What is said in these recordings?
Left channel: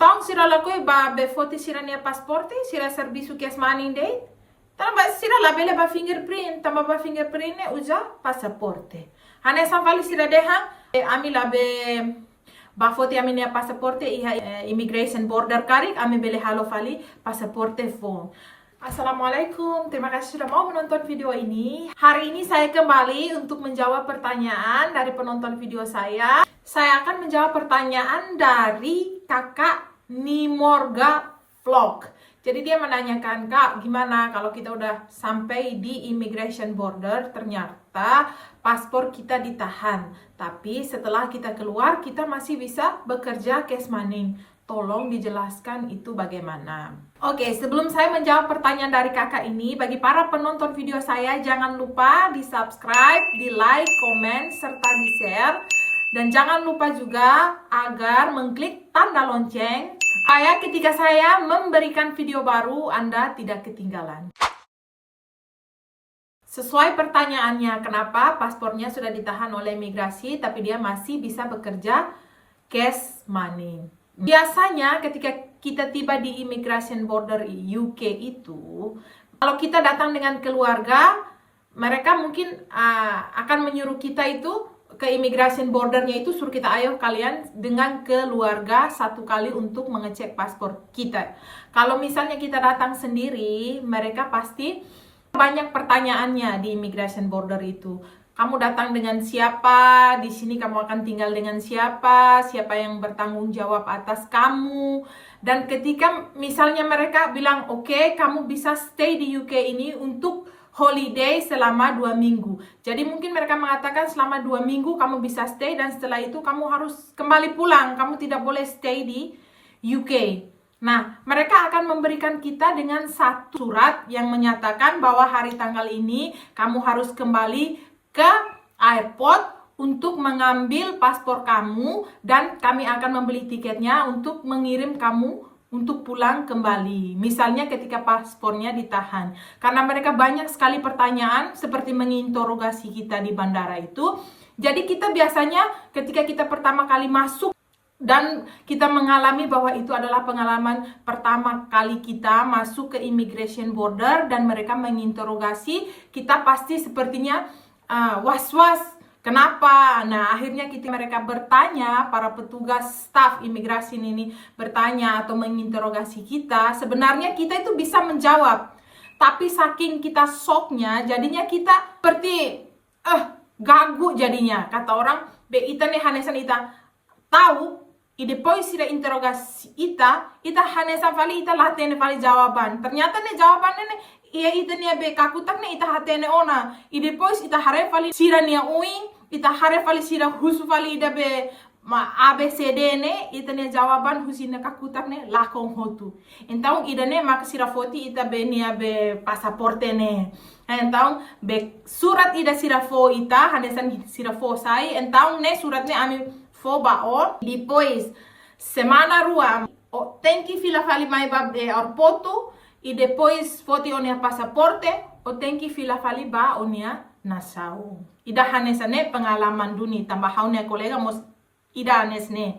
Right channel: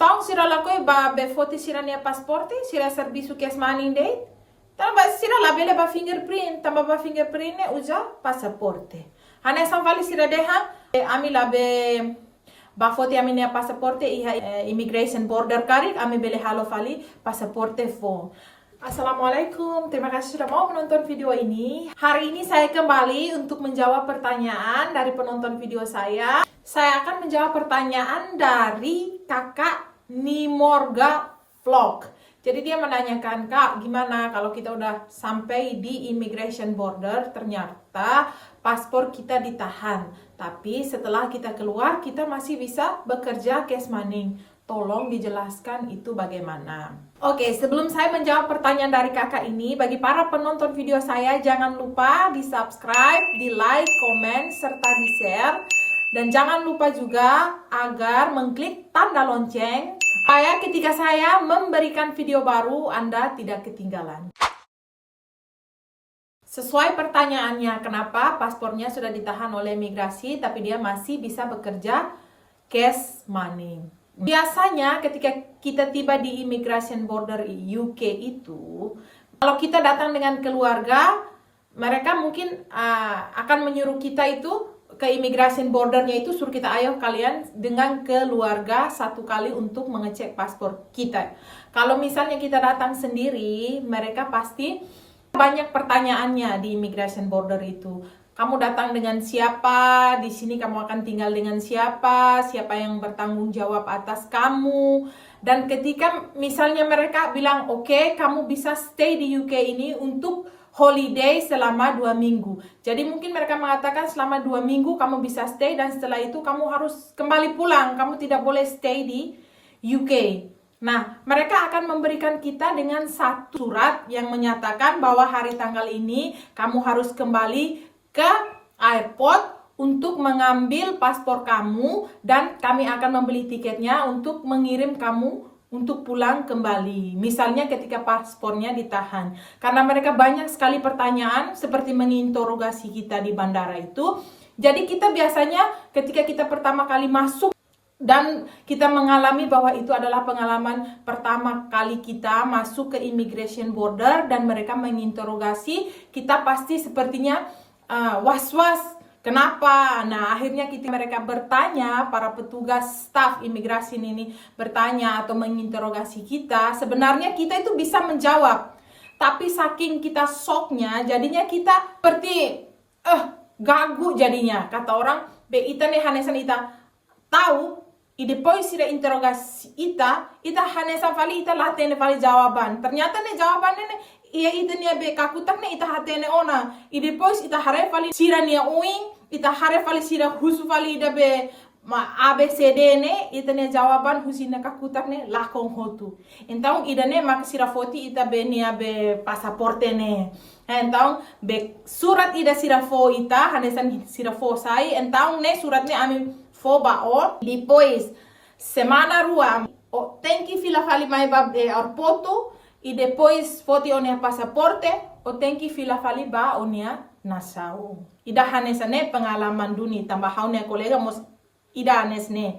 Então, sira lakoi ba be foto sira nia pasporte, sira serviço que maning dei. Então, ba sira la bele ba fingerprint, tamba ba fingerprint ne uja pasaporte. Hane samvali sira deha, ami la be ba foto ami nia pasaporte iha immigration border karik, ami bele halo fali pasaporte fo. Assalamualaikum, terima kasih sudah mau menonton video ini. Hari ini saya kembali untuk menjawab pertanyaan dari penonton video saya. Saya akan menjawab pertanyaan dari kakak Nimorga Vlog. Jadi dia menanyakan, Kak, gimana kalau kita udah sampai di immigration border, ternyata paspor kita ditahan. Tapi setelah kita keluar, kita masih bisa bekerja cash money. Tolong dijelaskan itu bagaimana. Oke, sebelum saya menjawab pertanyaan dari kakak ini, bagi para penonton video saya, jangan lupa di subscribe, di like, komen, serta di share. Dan jangan lupa juga agar mengklik tanda lonceng, supaya ketika saya memberikan video baru, Anda tidak ketinggalan. Sesuai pertanyaannya, kenapa paspornya sudah ditahan oleh imigrasi, tapi dia masih bisa bekerja cash money. Biasanya ketika kita tiba di immigration border UK itu, kalau kita datang dengan keluarga, mereka mungkin akan menyuruh kita itu ke immigration bordernya itu, suruh kita, ayo kalian dengan keluarga satu kali untuk mengecek paspor kita. Kalau misalnya kita datang sendiri, mereka pasti banyak pertanyaannya di immigration border itu. Kamu datang dengan siapa? Di sini kamu akan tinggal dengan siapa? Siapa yang bertanggung jawab atas kamu? Dan ketika misalnya mereka bilang, oke, kamu bisa stay di UK ini untuk holiday selama 2 minggu. Jadi mungkin mereka mengatakan selama 2 minggu kamu bisa stay, dan setelah itu kamu harus kembali pulang. Kamu tidak boleh stay di UK. Nah, mereka akan memberikan kita dengan satu surat yang menyatakan bahwa hari tanggal ini kamu harus kembali ke airport untuk mengambil paspor kamu, dan kami akan membeli tiketnya untuk mengirim kamu untuk pulang kembali. Misalnya ketika paspornya ditahan. Karena mereka banyak sekali pertanyaan seperti menginterogasi kita di bandara itu. Jadi kita biasanya ketika kita pertama kali masuk dan kita mengalami bahwa itu adalah pengalaman pertama kali kita masuk ke immigration border dan mereka menginterogasi, kita pasti sepertinya was-was, kenapa? Nah, akhirnya mereka bertanya, para petugas staf imigrasi ini bertanya atau menginterogasi kita. Sebenarnya kita itu bisa menjawab, tapi saking kita shocknya, jadinya kita seperti gagu jadinya. Kata orang, be ita nih hanesan ita tahu, depois sira interogasi ita hanesan vali ita latene vali jawaban. Ternyata nih jawabannya nih iya ita nia be kakutak ne ita hatene ona. Depois ita hare fali sira nia uing, ita hare fali sira husu fali ida be ABCD ne, ita nia jawaban husina kakutak ne lakong hotu. Então ida ne mak sira foti ita be nia be pasaporte ne. Então be surat ida sira fo ita hanesan sira fo sai. Então ne surat ne ami fo bao. Depois semana rua tem que fila fali mai ba airporto. E depois foto onia pasaporte, o tem que fila fali ba onia nasau. Ida hanes ne pengalaman duni tambah haunia kolega mos ida hanes ne.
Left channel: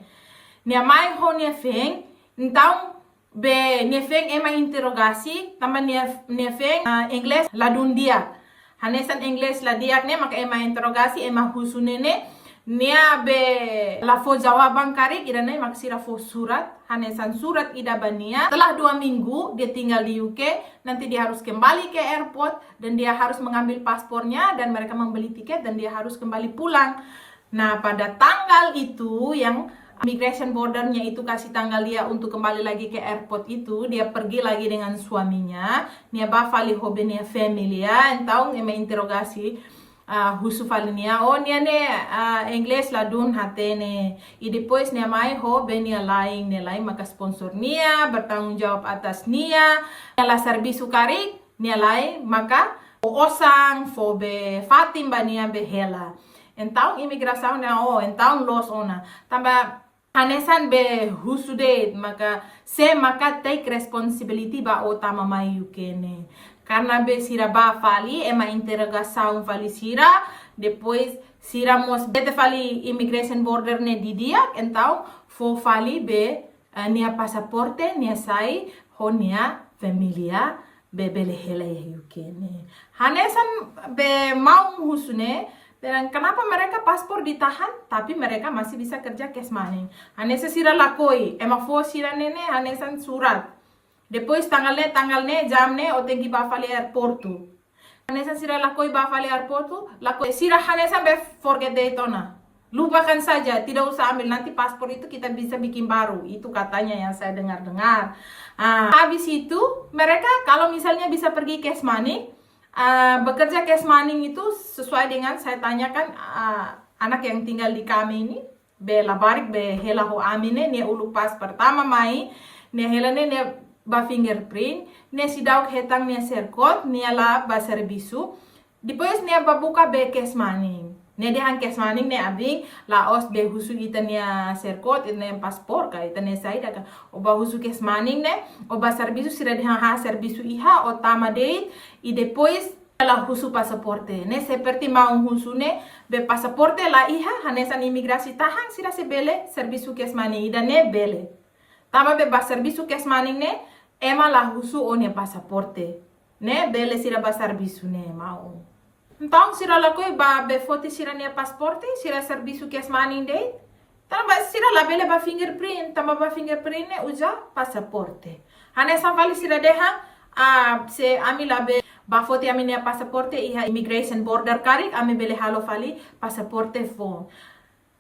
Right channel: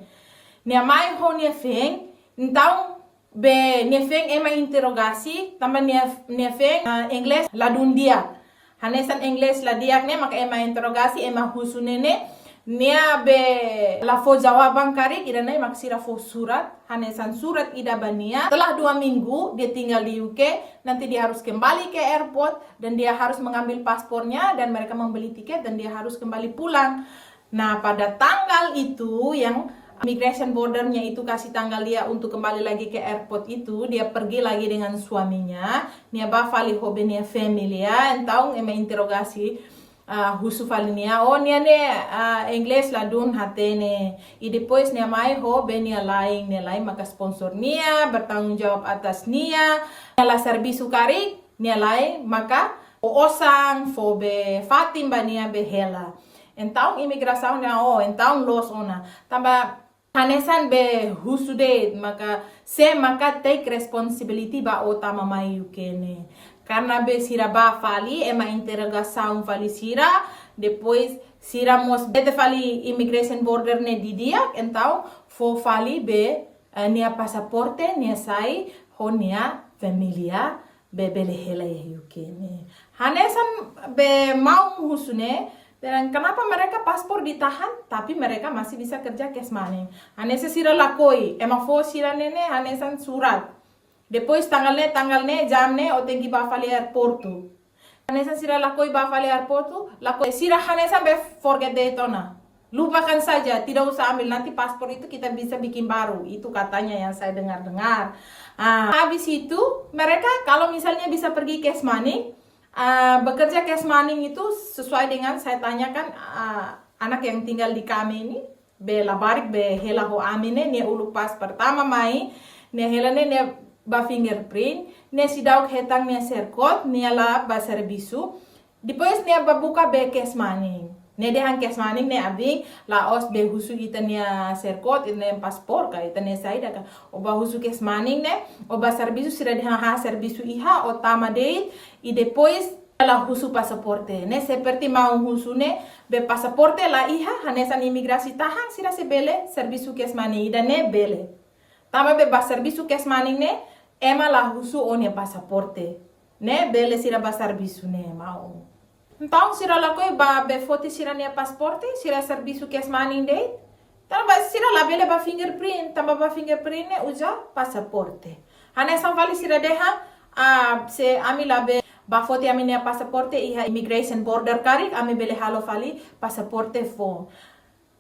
Nia mai honia feng, então be nia feng ema interogasi, tambah nia feng English la dundia. Hanesan English la diak ne maka ema interogasi ema husune ne. Nia be la fo jawaban kari ida nai maksira fo surat, hanesan surat ida bania. Setelah 2 minggu dia tinggal di UK, nanti dia harus kembali ke airport dan dia harus mengambil paspornya dan mereka membeli tiket dan dia harus kembali pulang. Nah, pada tanggal itu yang immigration bordernya itu kasih tanggal dia untuk kembali lagi ke airport itu, dia pergi lagi dengan suaminya. Nia ba fali hobe nia familia, então ema interogasi husu falinia, nia ne English la dun hatene. E depois nia mai ho benia lain maka sponsor nia bertanggung jawab atas nia la servisu kari nia lain maka osang fo be fatim bania behela. Então imigração nia então los ona tamba hanesan be husu de maka take responsibility ba otama mai ukene. Karena be sira ba fali ema interrogação fali sira, depois sira mos bete fali immigration border ne didia, então fo fali be nia pasaporte nia sai ho nia familia be bele hela ya yukene. Hanesan be mau husune dan kenapa mereka paspor ditahan tapi mereka masih bisa kerja cash money. Hanesa sira lakoi ema fo sira nene hanesan surat. Depois tanggalnya jamne o tengi ba fali airportu. Hanesan sira lakoi ba fali airportu, lakoi sira hanesan be forget daytona. Lupakan saja, tidak usah ambil, nanti paspor itu kita bisa bikin baru. Itu katanya yang saya dengar-dengar. Habis itu, mereka kalau misalnya bisa pergi cash money, bekerja cash money itu sesuai dengan saya tanyakan anak yang tinggal di kami ini, be labarik be hela ho amine, ne ulu pas pertama mai, ne hela ne ba fingerprint, ne sidauk hetang ne serkot, ne la ba servisu, depois ne ba buka be cash money. Ne dehan cash money ne abing laos be husu itania serkot itania paspor ka itania saida ka oba husu cash money ne oba servisu sira dehan ha servisu iha o tama date e depois la husu pasaporte ne seperti mau husu ne be pasaporte la iha hanesan imigrasi tahan sira se bele servisu cash money ida ne bele tama be ba servisu cash money ne ema la husu o ne pasaporte ne bele sira ba servisu ne mau. Então, sira lakoi ba be foto sira nia pasporte, sira serviço cash money date. Então, ba sira la bele ba fingerprint, tamba ba fingerprint ne uja pasaporte. Hanesa vali sira deha se ami la be ba foto ami nia pasaporte iha immigration border karik ami bele halo vali pasaporte phone.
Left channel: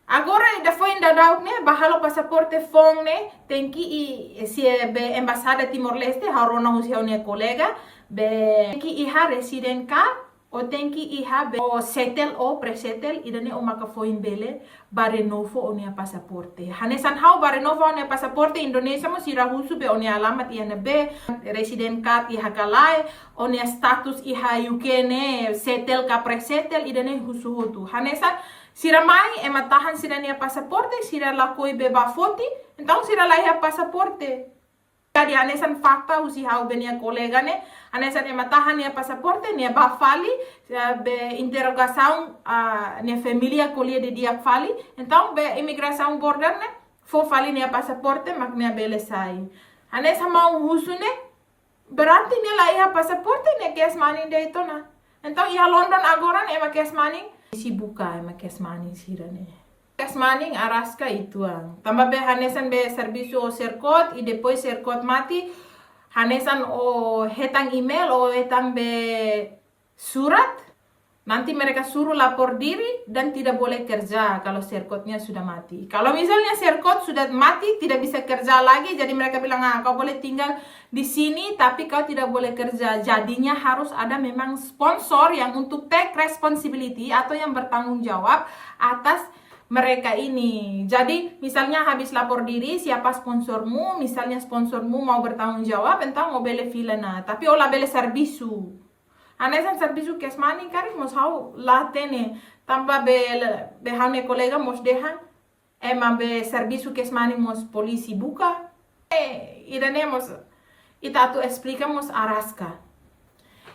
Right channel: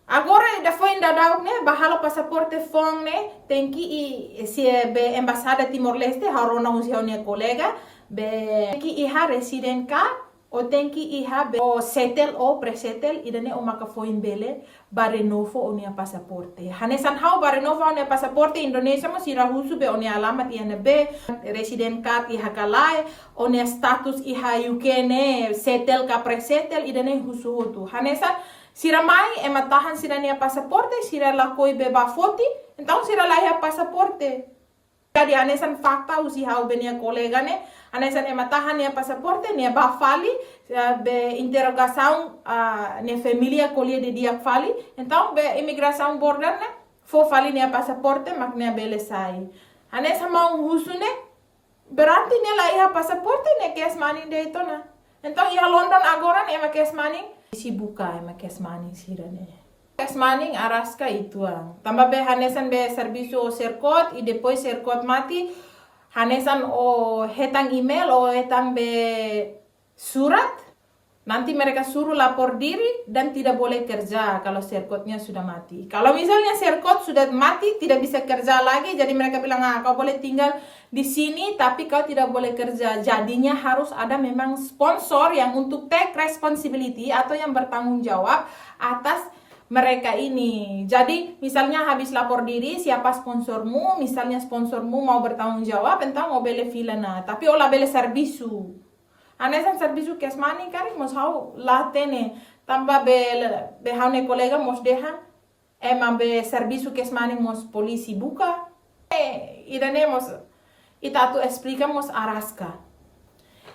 Agora da foi ainda dauk ne ba halo pasaporte phone ne tenki i si be embasada Timor Leste harona usia nia kolega be tenki iha resident card o tenki iha be o settle o presettle idane o maka foin bele ba renovo o nia pasaporte. Hanesan hau ba renovo o nia pasaporte Indonesia mo sira husu be o nia alamat iha be resident card iha kalai o nia status iha UK ne settle ka presettle idane husu hotu. Hanesan sira mai ema tahan sira nia pasaporte sira lakoi be ba foti então sira la iha pasaporte. Jadi anesan fakta usi hau be nia kolega ne anesan ema tahan nia pasaporte nia ba fali be interrogação nia familia kolia de dia fali então be imigração border ne fo fali nia pasaporte mak nia bele sai anesan mau husune berarti nia la iha pasaporte nia cash money de itu na então iha London agora ema cash money si buka ema cash money sira ne cash money araska itu tambah be hanesan be serviço serkot e depois serkot mati hanesan o hetang email o hetang be surat nanti mereka suruh lapor diri dan tidak boleh kerja kalau serkotnya sudah mati. Kalau misalnya serkot sudah mati tidak bisa kerja lagi jadi mereka bilang kau boleh tinggal di sini tapi kau tidak boleh kerja. Jadinya harus ada memang sponsor yang untuk take responsibility atau yang bertanggung jawab atas mereka ini. Jadi misalnya habis lapor diri siapa sponsormu, misalnya sponsormu mau bertanggung jawab tentang mau bele filana, tapi olah bele servisu. Anesan servisu cash money kari mos hau latene tambah be haune kolega mos dehan ema be servisu cash money mos polisi buka. Idane mos ita tu explicamos araska.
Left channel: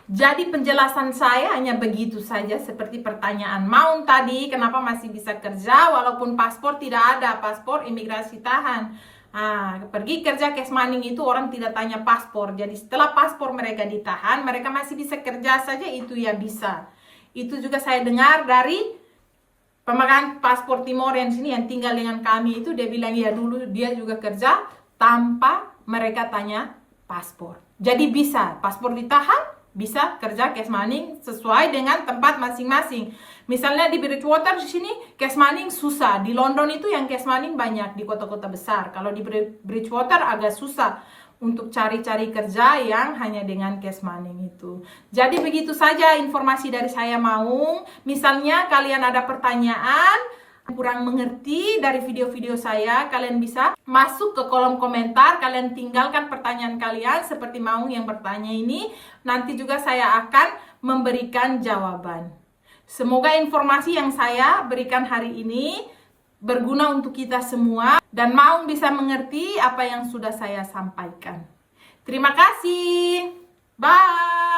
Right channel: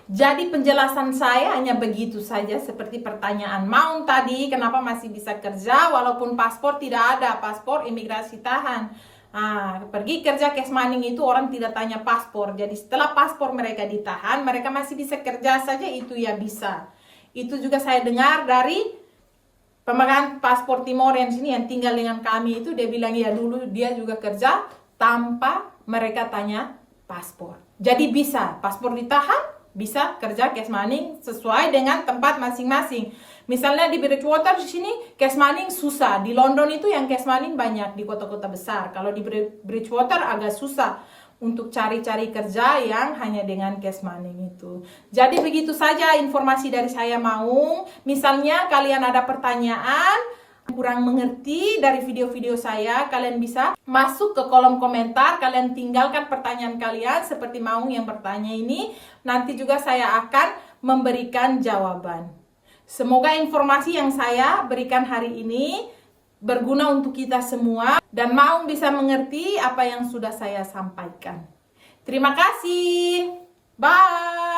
Jadi penjelasan saya hanya begitu saja seperti pertanyaan Maun tadi, kenapa masih bisa kerja walaupun paspor tidak ada, paspor imigrasi tahan. Pergi kerja cash money itu orang tidak tanya paspor. Jadi setelah paspor mereka ditahan, mereka masih bisa kerja saja itu ya bisa. Itu juga saya dengar dari pemegang paspor Timoren sini yang tinggal dengan kami itu dia bilang ya dulu dia juga kerja tanpa mereka tanya paspor. Jadi bisa paspor ditahan bisa kerja cash money sesuai dengan tempat masing-masing. Misalnya di Bridgewater di sini cash money susah. Di London itu yang cash money banyak di kota-kota besar. Kalau di Bridgewater agak susah untuk cari-cari kerja yang hanya dengan cash money itu. Jadi begitu saja informasi dari saya Maung. Misalnya kalian ada pertanyaan kurang mengerti dari video-video saya, kalian bisa masuk ke kolom komentar, kalian tinggalkan pertanyaan kalian seperti Maung yang bertanya ini, nanti juga saya akan memberikan jawaban. Semoga informasi yang saya berikan hari ini berguna untuk kita semua dan Maung bisa mengerti apa yang sudah saya sampaikan. Terima kasih. Bye.